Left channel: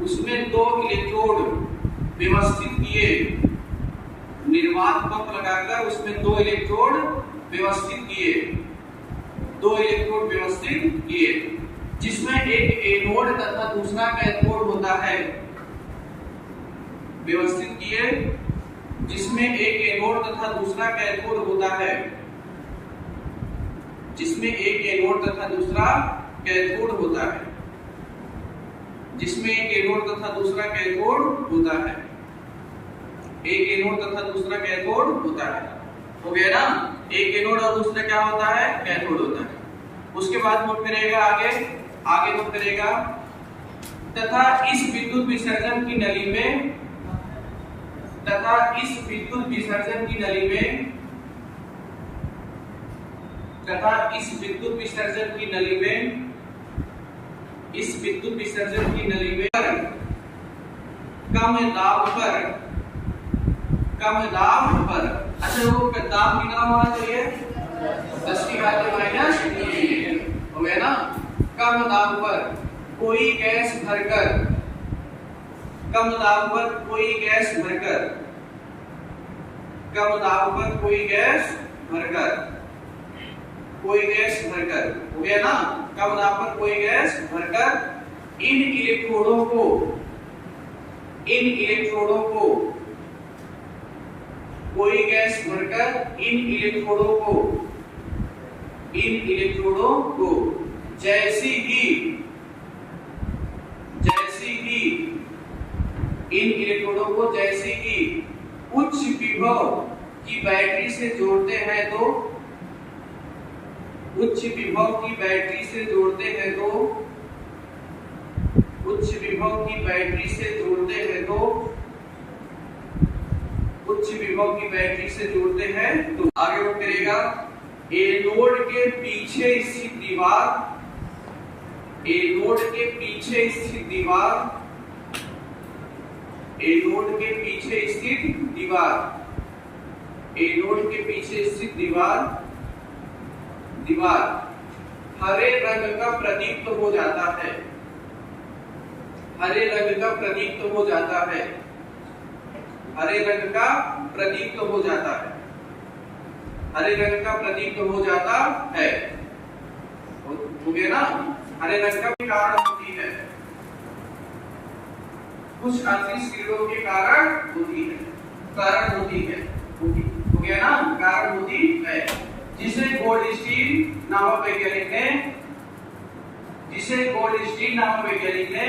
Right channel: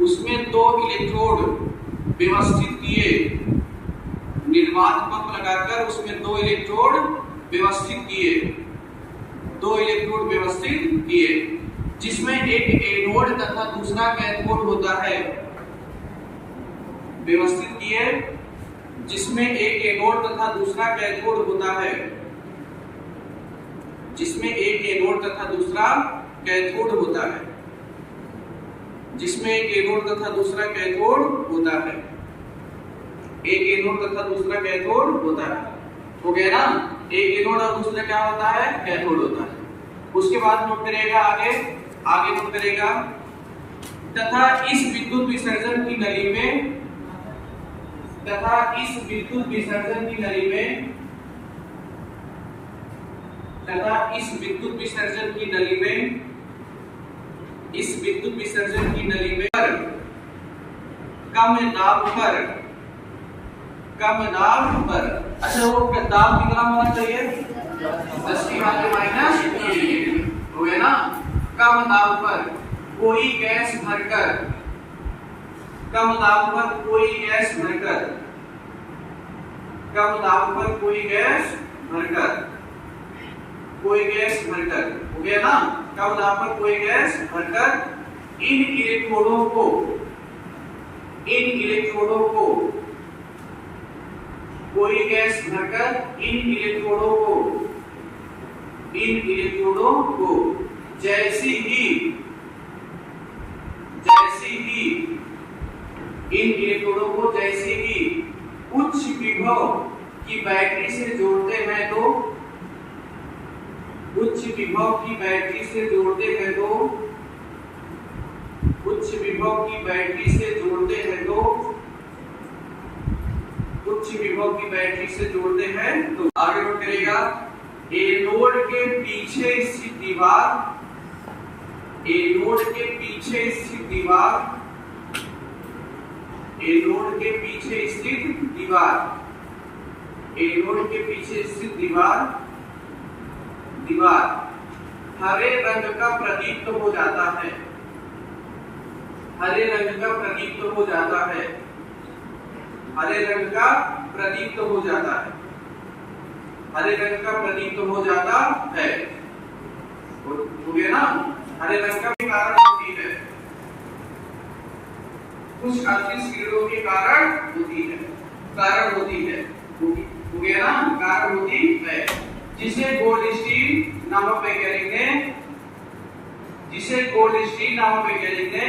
उसमें 2 इलेक्ट्रोड व्यवस्थित किए, निर्वात पंप लगाकर उसमें 2 इलेक्ट्रोड व्यवस्थित किए, 2 इलेक्ट्रोड व्यवस्थित किए, जिसमें एक एनोड तथा दूसरा कैथोड होता है। व्यवस्थित किए जिसमें एक एनोड तथा दूसरा कैथोड होता है, जिसमें एक एनोड तथा दूसरा कैथोड होता है, जिसमें एक एनोड तथा दूसरा कैथोड होता है, एक एनोड तथा दूसरा कैथोड होता है। हो गया ना, एक एनोड और दूसरा क्या होता है, कैथोड होता है। उसके बाद नोट करेगा आगे नोट करेगा, तथा इस विद्युत विसर्जन की नली में, तथा इस विद्युत विसर्जन की नली में, तथा इस विद्युत विसर्जन की नली में, इस विद्युत विसर्जन की नली में कम दाब पर, अच्छा वो दाब कितना होना चाहिए, 10⁻⁻⁰ हो गया ना। कम दाब पर कोई गैस भरकर, कम दाब पर कोई गैस भरकर, कम दाब पर कोई गैस भरकर, कोई गैस भरकर, हो गया ना, कम दाब पर कोई गैस भरकर इन इलेक्ट्रोडों को, इन इलेक्ट्रोडों को, कोई गैस भरकर इन इलेक्ट्रोडों को, इन इलेक्ट्रोडों को जैसी ही इन इलेक्ट्रोडों को जैसे ही उच्च विभव की बैटरी से जोड़ते हैं तो, उच्च विभव की बैटरी से जोड़ते हैं तो, उच्च विभव की बैटरी से जोड़ते हैं तो, उच्च विभव की बैटरी से जोड़ते हैं तो आगे नोट करेगा, एनोड के पीछे स्थित दीवार, एनोड के पीछे स्थित दीवार, एनोड के पीछे स्थित दीवार, एनोड के पीछे स्थित दीवार, दीवार हरे रंग का प्रदीप्त हो जाता है, हरे रंग का प्रदीप्त हो जाता है, हरे रंग का प्रदीप्त हो जाता है, हरे रंग का प्रदीप्त हो जाता है। हो गया ना, हरे रंग का कारण होती है, कुछ अदृश्य किरणों के कारण होती है, कारण होती है। हो गया ना, कारण होती है, जिसे गोल्डस्टीन नामक वैज्ञानिक ने, जिसे गोल्डस्टीन नामक वैज्ञानिक ने